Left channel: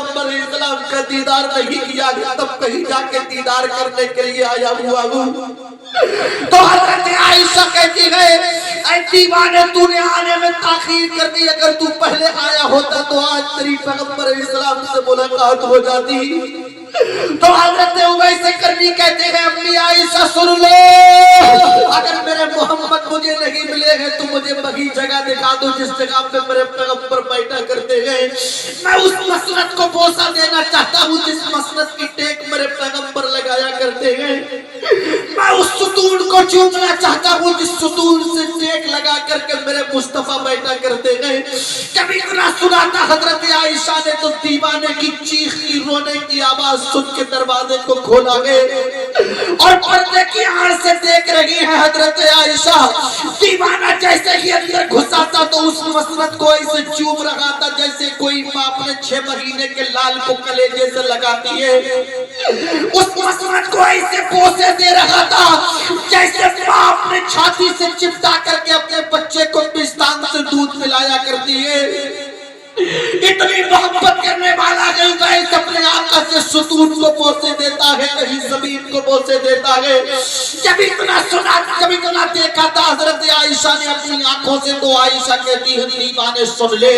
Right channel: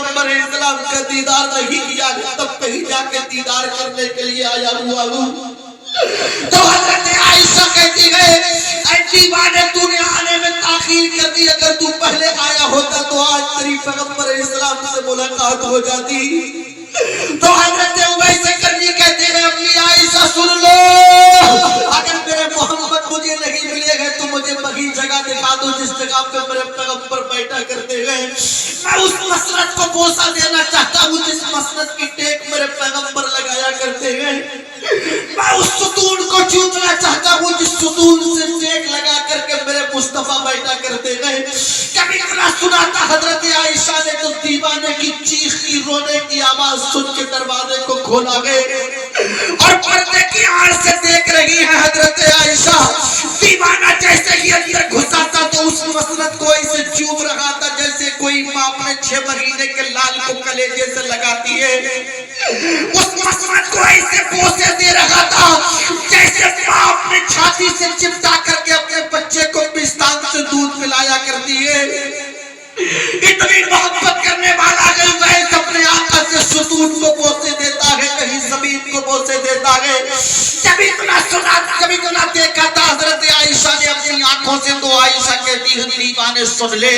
पैगंबर इस्लाम का दीदार नहीं किया तब कहीं जाके दीदार करने के लिए आया हुआ हूँ। तो हजरत आयशा कहती है ऐ दीवाने तूने आने में ताखीर कर दी, अगर तू पहले आया होता तो आज तेरी पैगंबर इस्लाम से मुलाकात हो जाती। तो हजरत उवैस करनी कहते हैं अम्मी आयशा सुन लो, अगर मेरे मोहम्मद मुझे नहीं मिले हैं तो मुझे वही जगह दिखा दो जिस जगह पे मेरे पैगंबर बैठा करते हैं। मैं उस मसनद को बोसा देना चाहता हूँ जिस मसनद की टेक मेरे पैगंबर लगाया करते हैं। मैं उस सुतून को चूमना चाहता हूँ जिस सुतून से टेक लगा करके मेरे मुस्तफा बैठा करते हैं। कभी इतना सुना था हजरत आयशा ने तो दीवाने की चीख की रोने की आवाज सुन के दरवाजे को खोला गए और पर्दे की आड़ से देख रही है हजरत आयशा। दीवाना जैसे ही अंदर घुसा था तो उस मसनद को ऐसे चूम रहा था जैसे कोई माँ अपने 6 महीने के लाल को कलेजे से लगाती है। उस मसनद को ऐसे पोसे दे रहा था जैसे माँ अपने छाती से चिपटा करके अपने बच्चे को पिस्तान से दूध पिलाया करती है। इतनी मोहब्बत करने वाला गैस अपने आका से सुतून को बोसे देता है, कहीं जमीन को बोसे देता है। जब इतना सुना, जब इतना देखा था हजरत आयशा ने अपनी आंखों से, तो आयशा कहती है दीवाने सुन ले,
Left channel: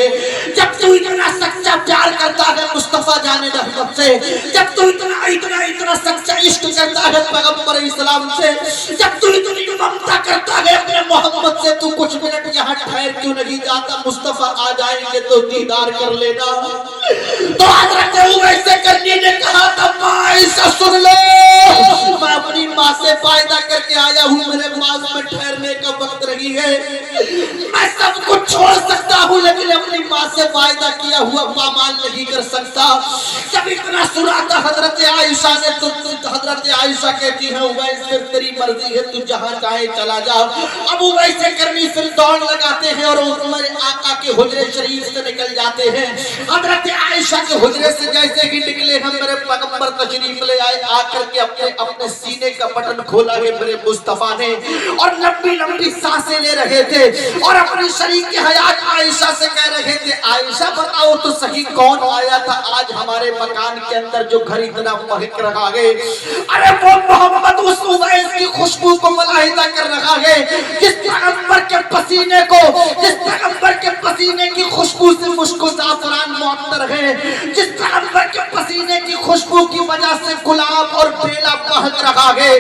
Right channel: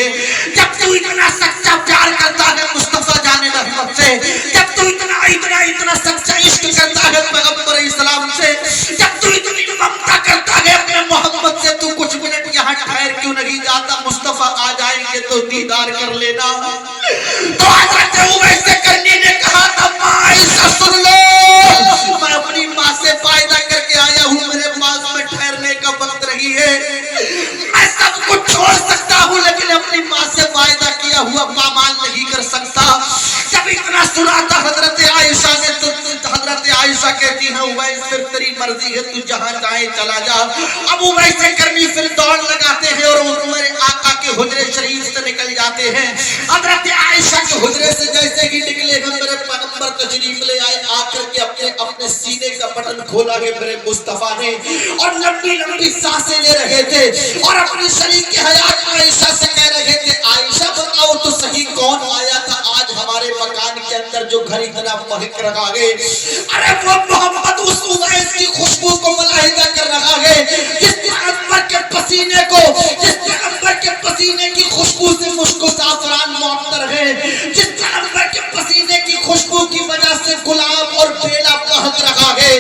जब तू इतना सच्चा प्यार करता है मुस्तफा जाने रहमत से, जब तू इतना इतना इतना सच्चा इश्क करता है पैगंबर इस्लाम से, जब तू इतनी ममता करता है अपने मोहम्मद से, तू कुछ मिनट यहाँ ठहर क्यों नहीं जाता? मुस्तफा आ जाएंगे तो दीदार कर लेना। तो हजरत उवैस करनी ने कहा था आयशा सुन लो, मैं अपनी माँ से फायदा करके आया हूँ, मेरे पास में ठहरने का वक्त नहीं है। मैं सब कुछ छोड़ सकता हूँ लेकिन अपनी माँ से फायदा किया हुआ पामाल नहीं कर सकता। जब इतना सुना था हजरत आयशा ने तो हजरत आयशा कहती है उवैस फिर तेरी मर्जी है, तू जहाँ चाहे चला जा। अब उवैस करनी फिर दौड़ लगाते हैं और मेरे आका के हुजरे शरीफ से निकल जाते हैं। हजरत आयशा के हुजरे से जैसे ही निकले हम मेरे पैगंबर तशरीफ ले आए, आकर के अपने अपने सीने का बटन खोला है मेरे मुस्तफा ने और लंबी लंबी सांसें ले रहे थे और अपने शरीर के हयात आयशा से कह रहे थे आयशा बताओ तो सही कौन आया था आज हमारे मकान के अंदर जो घर इतना महक रहा है? अरे वो मोहम्मद उस उवैस की खुशबू को मुलाहिजा कर रहा है जिस पैगंबर के पसीने को, जिस पैगंबर के पसीने की खुशबू से मुझको ज़ाफ़रान मुअत्तर है, जिस पैगंबर के पसीने की खुशबू की वजह से गुलाब और बेला बहक रहा है।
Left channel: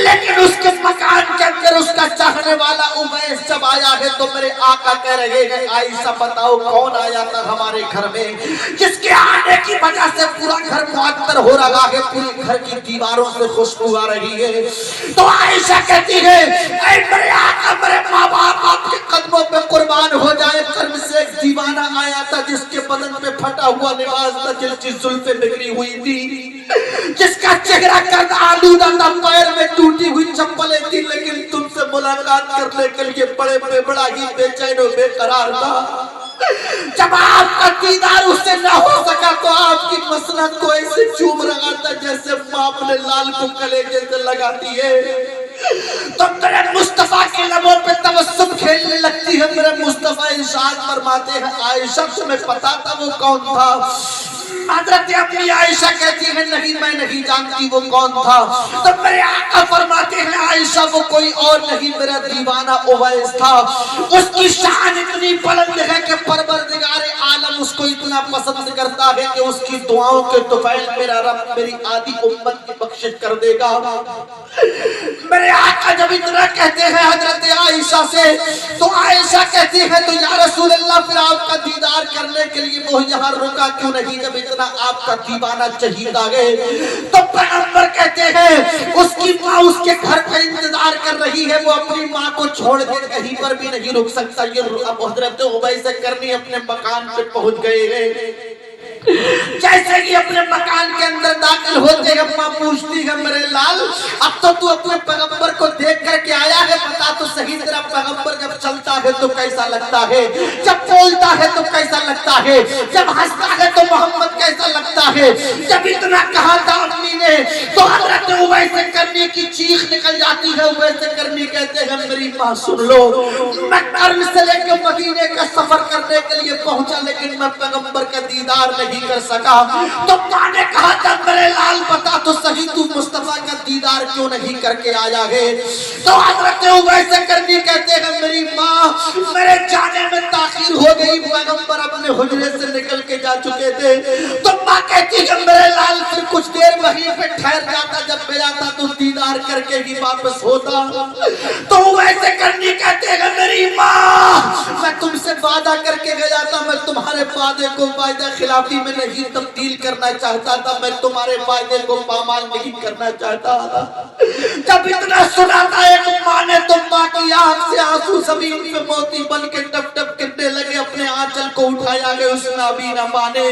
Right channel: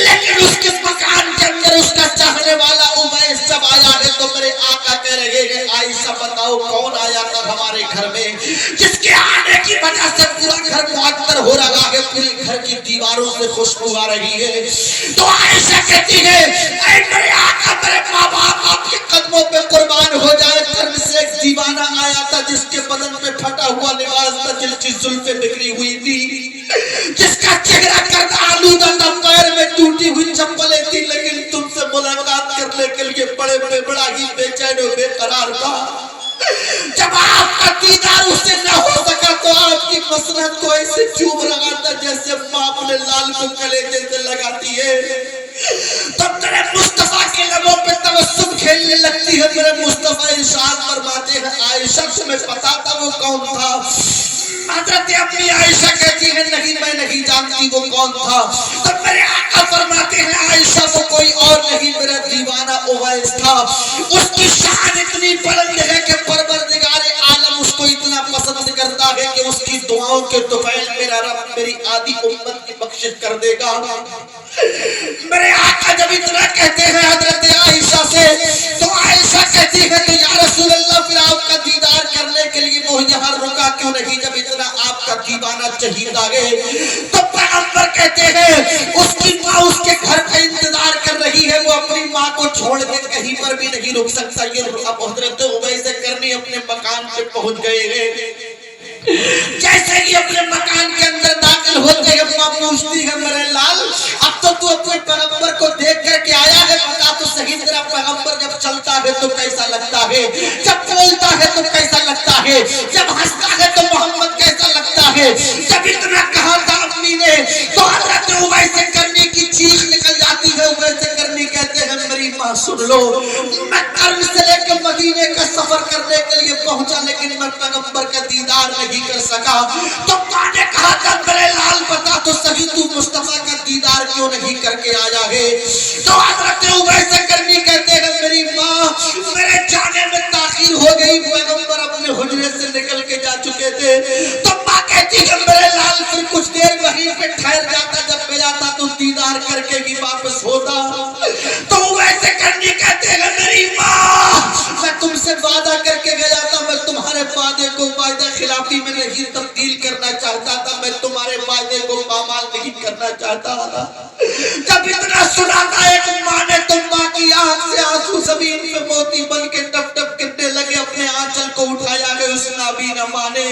लेकिन उसके मकान के अंदर उसका चाहने वाला उवैस जब आया है तो मेरे आका कह रहे हैं आयशा बताओ कौन आया था हमारे घर में जिसके आने की वजह से पूरा घर मुअत्तर हो रहा है, पूरी घर की दीवारों से खुशबू आ रही है। तो आयशा कहती है ऐ मेरे आका, मेरे माँ बाप आपके कदमों पे कुर्बान हो जाए, कर्म से एक दीवाना आया था जिसके बदन पे फटा हुआ लिबास था, जिसकी जुल्फें बिखरी हुई थी, जिसका चेहरा गर्द आलूदा था, पैर में टूटी हुई चप्पलें थी, लेकिन तुमसे मुलाकात करने के लिए बड़े बड़े बड़ा ही बेचैन और बेकरार था। जब आपका दीदार उससे न हो सका तो आपकी मसनद को ऐसे चूम रहा था जैसे माँ अपने लाल को कलेजे से लगाती है। तो तेरे मुस्तफा के लबों पे तबस्सुम खेलने लगती है। मेरे मुस्तफा इरशाद फरमाते हैं आयशा तुम्हें पता था वो कौन था? हजरत अपनी आयशा कहती है नहीं मैं नहीं जानती वो कौन था। तो मेरे आका फरमाते हैं आयशा वो कोई और नहीं मेरा दीवाना उवैस था। उसकी शान इतनी बुलंद है कि परवरदिगारे आलम उसको इतना पसंद करता है कि उसकी दुआओं के तुफैल मेरा रब मेरी आधी उम्मत की बख्शिश कर देगा। मेरे आका जब इतना कहते हैं हजरत आयशा से तो आयशा कहती है तो या रसूल अल्लाह फिर आपका दीदार करने के लिए वो यहाँ रुका क्यों नहीं जब इतना आपका दीवाना चहीता है? तो पैगंबर कहते हैं उसकी माँ उसके घर का इंतजार कर रही है, वो अपनी माँ को छोड़ के कहीं पर भी नहीं रुक सकता। ये अब हजरत उवैस करनी अपने मकान पे पहुंच गए हैं। जैसे कि अपने मकान के अंदर दाखिल होते हैं माँ पूछती है मेरे लाल अब तो तू अपने पैगंबर को देख करके आया है, बता तो सही तेरा पैगंबर जब चलता है तो कैसा लगता है, जब बोलता है तो कैसा लगता है, जब हंसता है तो मोहम्मद कैसा लगता है। जब इतना कहा था अम्मी ने तो हजरत उवैस करने की चीख निकल जाती کہتی ہے ویسے کرنی کہتے ہیں میری ماں سن لو میں کرن سے لے کے مدینے کا سفر کرنے کے لیے پہنچا لیکن میں پیغمبر کا دیدار نہیں کر سکا تو ماں نے کہا تھا میرے لال بتا تو صحیح تو مصطفیٰ کا دیدار کیوں نہیں کر کے آیا ہے تو حضرت ویسے کرنی کہتے ہیں میری ماں میرے جانے میں تاخیر ہو گئی پیغمبر اپنے حجرے سے نکل کے جا چکے تھے تو ماں کہتی ہے میرے لال پھر کچھ دیر وہیں پہ ٹھہر جاتا جب گیا تھا تو دیدار کر کے ہی واپس ہوتا تو ویسے کرنی کہتے ہیں میری ماں میں تم سے وعدہ کر کے گیا تھا میں تمہارے وعدے کو وعدہ خلافی میں نہیں تبدیل کرنا چاہتا تھا میں تمہارے وعدے کو پامال نہیں کرنا چاہتا تھا جب اتنا سنا تھا ایک ماں نے تو ماں کی آنکھ سے آنسو زمین پہ موتی بن کے ٹپ ٹپ گرنے لگے اپنے آنچل کو اٹھایا گیا اس نابینا ماں نے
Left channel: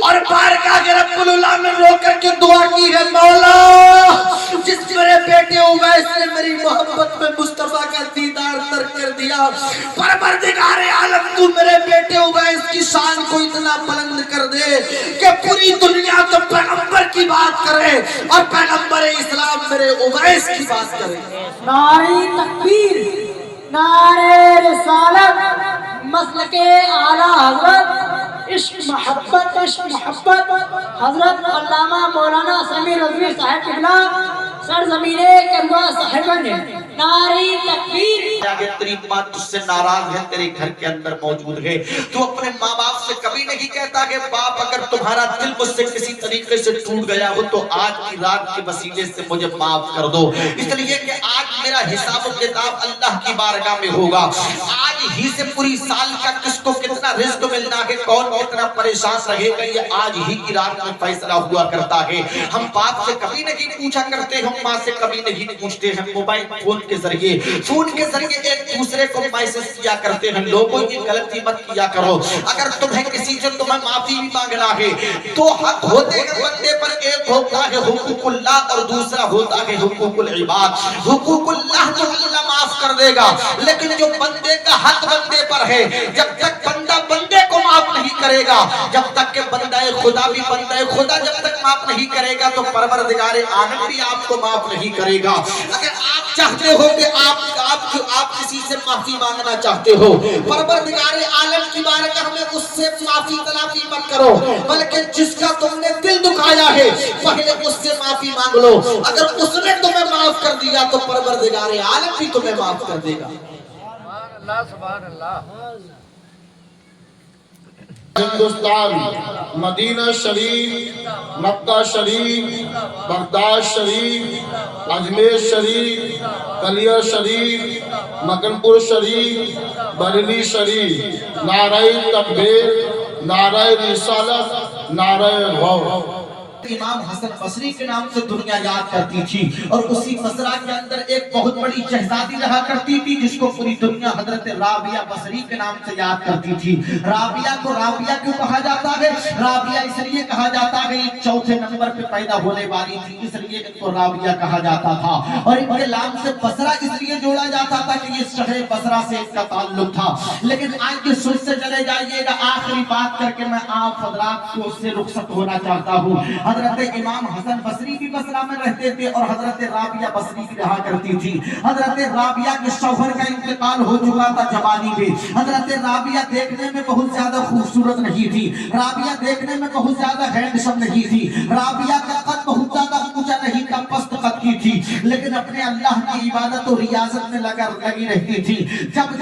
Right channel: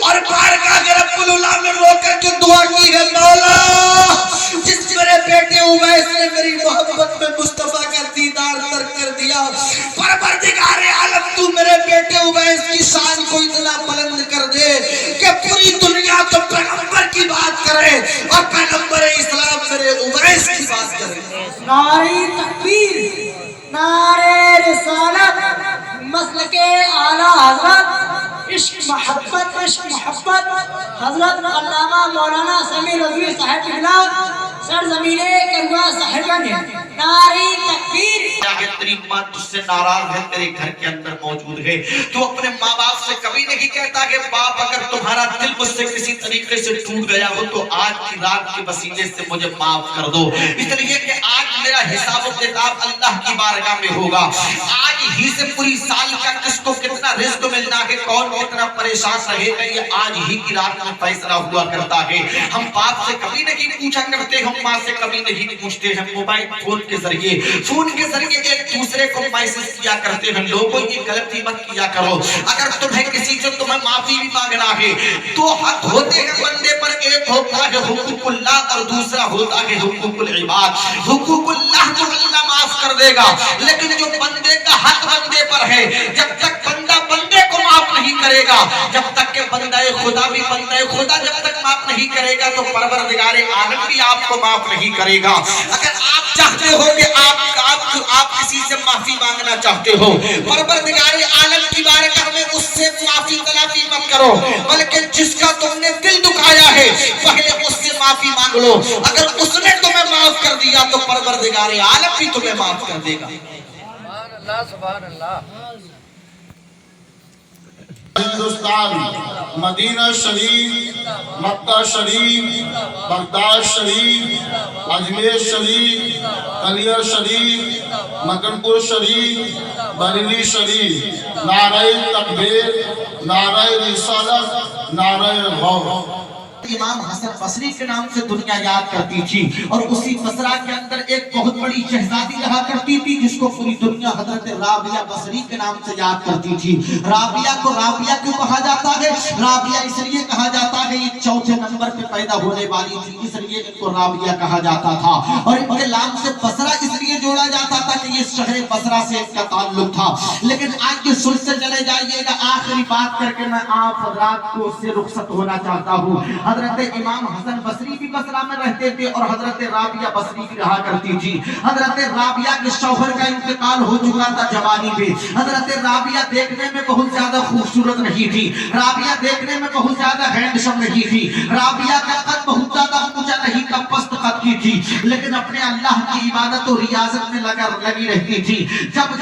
اور بارگاہ رب العالمین رو کر کے دعا کی ہے مولا جس میرے بیٹے اویس نے میری محبت میں مصطفیٰ کا دیدار ترک کر دیا پروردگار عالم تو میرے بیٹے اویس کی شان کو اتنا بلند کر دے کہ پوری دنیا تو پیغمبر کی بات کرے اور پیغمبر اسلام میرے اویس کی بات کرے نعرہ تکبیر نعرہ رسالت مسلک اعلیٰ حضرت عشق محبت حضرت علامہ مولانا سمیع رضوی صاحب قبلہ سرزمین کربلا صاحبہ نے نعرہ تکبیر تیری ماں تجھ سے ناراض ہے تیرے گھر کے اندر موجود ہے تو اپنے ماں باپ سے کبھی نہیں کہتا کہ باپ اگر تمہارا دل مجھ سے کسی طریقے سے ٹوٹ گیا ہو تو آج کی رات کے وسیلے سے مجھے معاف کر دو اس لیے کہ آج میرا حساب و کتاب اللہ کی بارگاہ میں ہوگا آج ہی سے پوری سال کا کس کو کتنا رزق ملنا ہے کون کتنا پریشان رہے گا یہ آج ہی کی رات میں فیصلہ ہوا کرتا ہے ہم باپ سے کبھی نہیں پوچھا کرتے ہم ماں سے کبھی نہیں پوچھتے ہیں موبائل فون کے ذریعے ایک دوسرے کو میسج کیا کرتے ہیں لوگوں یہ غلطی مت کیا کرو اگر تمہیں کسی سے تمہیں معافی بھی مانگنا ہے تو حق ہوتے ہیں بندے پر ایک ہوتا ہے حقوق اللہ اور دوسرا ہوتا ہے حقوق العباد حقوق اللہ تو اللہ معاف کر دے گا لیکن جو بندے کا حق بندے پر ہے جب تک بندہ بندے کو معاف نہیں کرے گا جب تک کہ بندہ خدا بھی بندہ خدا جب تک معاف نہیں کرے گا تو پروردگار عالم بھی آپ کو معاف نہیں کرے گا اگر آپ چاہتے ہو کہ آپ کسی سے معافی مانگنا چاہتے ہو پروردگار عالم کی بارگاہ میں اس سے معافی تلافی مت کرو بلکہ جس کا تم نے دل دکھایا ہے پہلے اس سے معافی مانگ لو اگر اس نے تمہیں معاف کر دیا تو پروردگار عالم بھی تمہیں معاف کر دے گا سبحان اللہ ہندوستان مدینہ شریف مکہ شریف بغداد شریف اجمیر شریف کلیر شریف مکن پور شریف بریلی شریف نعرہ تکبیر نعرہ رسالت نعرہ غور امام حسن بصری کے نام سے دنیا یاد کرتی تھی اور اسی بصرہ کے اندر ایک بہت بڑی شہزادی رہا کرتی تھی جس کو پوری دنیا حضرت رابعہ بصری کے نام سے یاد کرتی تھی رابعہ کو رابعہ کیوں کہا جاتا ہے رابعہ اس لیے کہا جاتا ہے یہ چوتھے نمبر پہ پیدا ہونے والی تھی اس لیے ان کو رابعہ کہا جاتا تھا اور ان کے نام سے بصرہ اس لیے جوڑا جاتا تھا کہ یہ شہر بصرہ سے اس کا تعلق تھا لیکن آج کے سن سے چلے جائیے گا آخری بات کر کے میں آپ حضرات کو اس سے رخصت ہونا چاہتا ہوں حضرت امام حسن بصری بھی بصرہ میں رہتے تھے اور حضرت رابعہ بصری بھی رہا کرتی تھی حضرت رابعہ کے شوہر کا انتقال ہو چکا تھا جوانی میں حضرت رابعہ دیکھنے میں بہت زیادہ خوبصورت نہیں تھی رابعہ دیکھنے میں بہت زیادہ ہینڈسم نہیں تھی رابعہ کا قد بہت زیادہ اونچا نہیں تھا پست قد کی تھی لیکن اپنے اللہ کی عبادت و ریاضت میں لگی رہتی تھی جب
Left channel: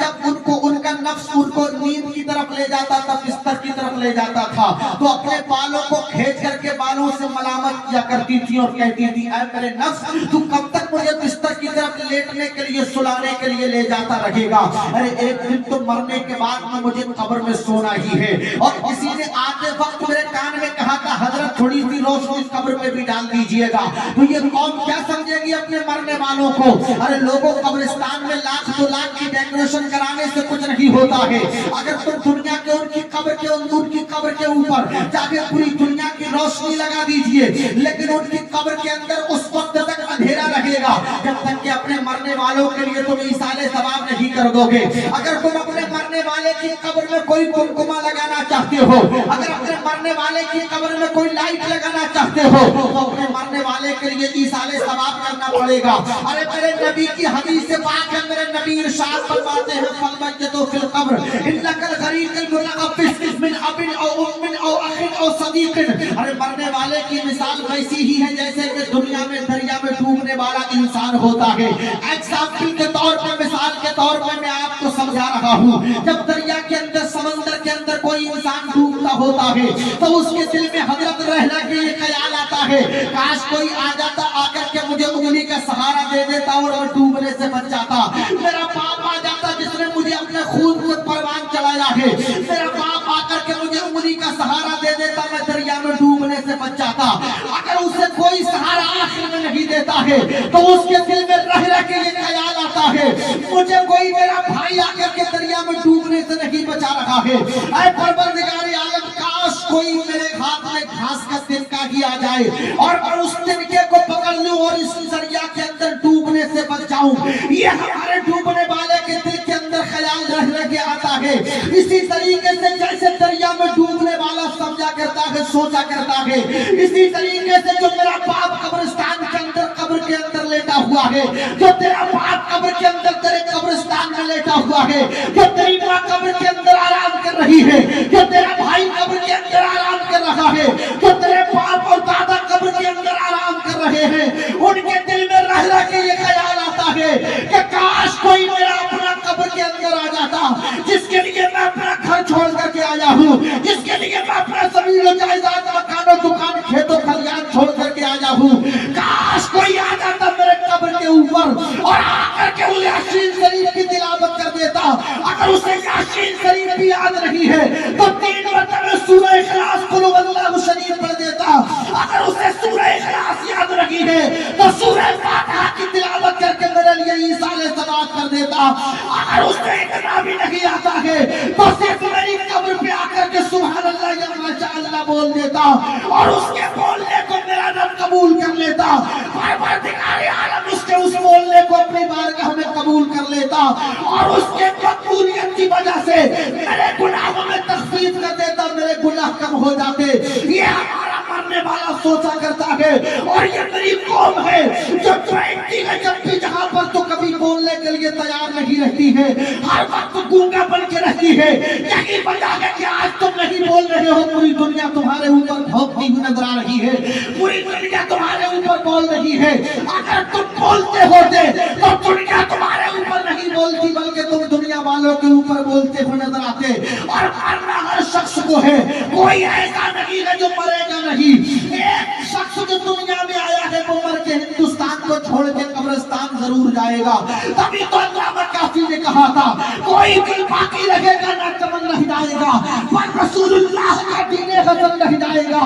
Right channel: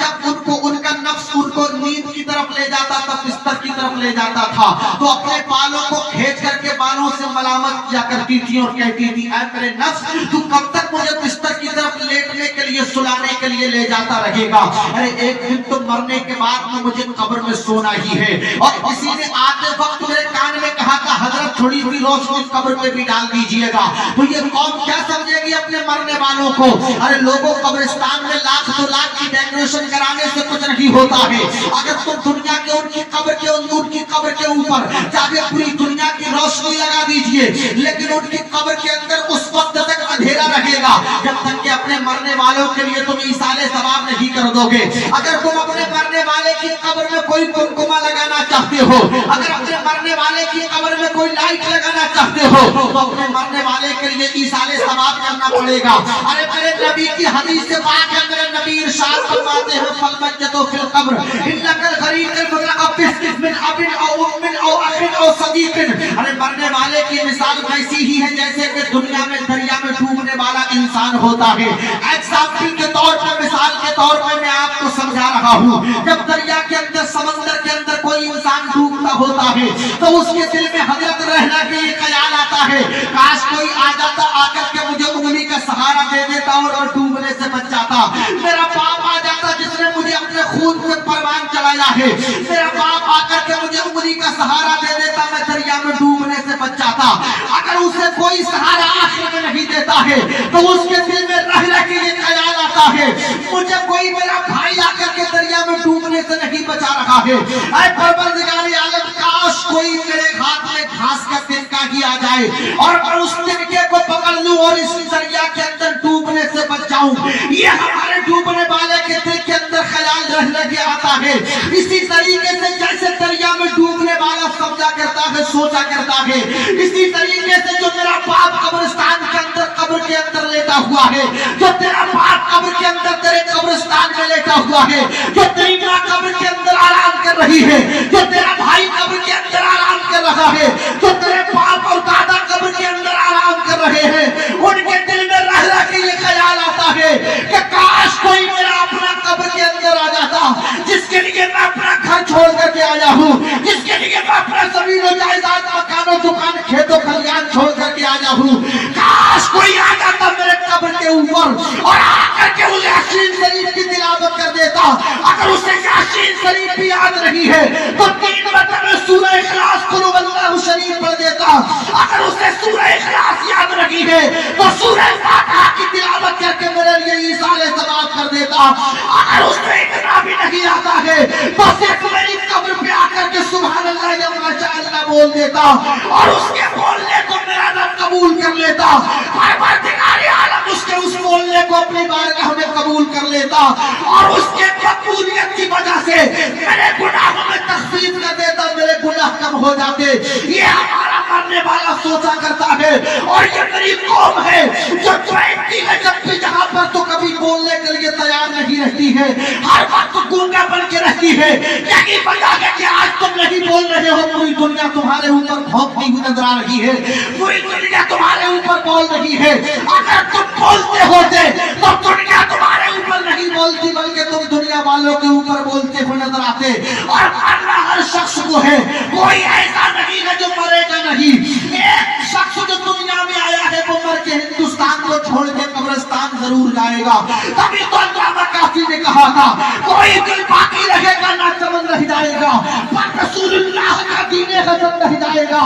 ان کا نفس ان کو نیند کی طرف لے جاتا تھا بستر کی طرف لے جاتا تھا تو اپنے بالوں کو کھینچ کر کے بالوں سے ملامت کیا کرتی تھی اور کہتی تھی اے میرے نفس تو کب تک مجھے بستر کی طرف لیٹنے کے لیے سلانے کے لیے لے جاتا رہے گا ارے ایک دن تو مرنے کے بعد میں مجھے قبر میں سونا ہی ہے اور کسی نے آتے وقت میرے کان میں کہا تھا حضرت تھوڑی سی روشنی قبر پہ بھی ڈال دیجئے گا تو یہ قوم کیا سمجھے گی اپنے مرنے والوں کو ارے لوگوں قبرستان میں لاکھ دو لاکھ کی ڈیکوریشن کرانے سے کچھ نہیں ہوتا ہے اگر تم دنیا کے ان کی قبر کے ان کی قبر کے اوپر جا کے پوری دنیا کی روشنی لگا دیجئے لیکن ان کی قبر کے اندر اس وقت تک اندھیرا رہے گا جب تک کہ اپنے مرنے والوں کے لیے تم ایصال ثواب نہیں کر دو گے اگر تم اپنے مرنے والے کی قبر میں کوئی کنکما لگانا چاہتے ہو اگر اپنے مرنے मरने वाले की कब्र में कोई लाइट लगाना चाहते हो तो अपने मरने वाले के लिए ईसाले सवाब करना पड़ेगा। अरे मेरे नबी की हदीस से पाक है, मेरे नबी इरशाद फरमाते हैं फलमजतो फिल कब्र इन्नकल गरीकुल मुतकब्बिस मिन अबिन औ उम्मिन औ अखिन औ सदीकिन। अरे मरने वाले की मिसाल वैसी ही है जैसे कि दुनिया में दरिया में डूबने वाला इंसान होता है। एग्जाम्पल के तौर पर, मिसाल के तौर पर मैं आपको समझा रहा हूँ। जब दरिया के अंदर, समंदर के अंदर कोई इंसान डूबता होता है तो उसके दिल में हजरत रहना के ये ख्याल आता है, काश कोई आ जाता, आकर के मुझे उंगली का सहारा दे देता और मैं डूबने से बच जाता। मेरा बाप आ जाता जिसने मुझे अपने खून से परवान चलाया है, मेरा बाप आकर के मुझे उंगली का सहारा दे देता, मैं दरिया में डूबने से बच जाता। अगर उसे कोई सहारा आखिर में नहीं देता है तो उसके दिल में रह के ये ख्याल आता है, मुझे कोई मेरा भाई आकर के दरिया में डूबने से नहीं बचा रहा है। ऐ परवरदिगार आलम, काश कोई मेरे हाथ में घास का तिनका ही आ जाए और मैं उस तिनके को पकड़ लूं और इस दरिया के अंदर डूबने से बच जाऊं। ये हमारे डूबने वाले के दिल के अंदर ख्याल रह के आता है। इसी तरीके से जैसे दरिया में डूबने वाला समझा करता है, सोचा करता है, इसी तरीके से जो मेरा बाप कब्रिस्तान के अंदर, कब्र के अंदर लेटा हुआ है, जो तेरा बाप कब्र के अंदर तेरे कब्रिस्तान में लेटा हुआ है, जो तेरी माँ कब्र के अंदर आराम कर रही है, जो तेरा भाई कब्र के अंदर आराम कर रहा है, जो तेरे बाप और दादा कब्र के अंदर आराम कर रहे हैं, उनके दिल में रह के ये ख्याल आता है कि काश कोई मेरा अपना कब्र के अंदर आ जाता, जिसके लिए मैं अपना घर छोड़ करके आया हूँ, जिसके लिए मैं अपना जमीन जायदाद, मकानों, दुकान, खेतों, खलियान छोड़ करके आया हूँ। काश कोई आ जाता मेरे कब्र के ऊपर और आकर के उसे यासीन शरीफ की तिलावत कर देता। अगर उसे यासीन शरीफ भी याद नहीं है तो 3 मरतबे सूरह इखलास कुल हुवल्लाहु शरीफ पढ़ देता। अगर उसे सूरह इखलास याद नहीं है तो सूरह फातिहा की तिलावत करके मेरे लिए ईसाले सवाब कर देता। अगर उसे इतना भी नहीं आता है तो सिर्फ मेरी कब्र पे आकर के सुभान अल्लाह या माशाअल्लाह बोल देता और उसके बोलने को मेरा रब कबूल कर लेता। परवरदिगार आलम उसके उस बोलने को अपनी बारगाह में कबूल कर लेता और उसके कबूलियत की वजह से मेरे गुनाहों में तखफीफ कर देता, मेरे गुनाह कम हो जाते। ये हमारा मरने वाला सोचा करता है और ये मेरी कौम है जो 20 में जब भी जहाँ पर तो कभी बोलने के लिए तैयार नहीं रहती है, हर वक्त गूंगा बन के रहती है। यही वजह है कि आज तुम नहीं बोल रहे हो, पूरी दुनिया तुम्हारे ऊपर भौंकती हुई नजर आ रही है, पूरी दुनिया तुम्हारे ऊपर बोल रही है। अगर तुम बोलते होते तो दुनिया तुम्हारे ऊपर नहीं बोलती, बल्कि तुम दुनिया वालों के ऊपर बोलते हुए नजर आते। और मरना हर शख्स को है, कोई ऐसा नहीं है जो मरेगा नहीं। एक शख्स जो दुनिया में आया है वो मर के हिंदुस्तान को छोड़ के कब्रिस्तान जरूर जाएगा। तभी तो अल्लामा काफी ने कहा था, कोई दिल बाकी रहेगा ना चमन रह जाएगा, पर रसूलुल्लाह का दीन हसन रह जाएगा।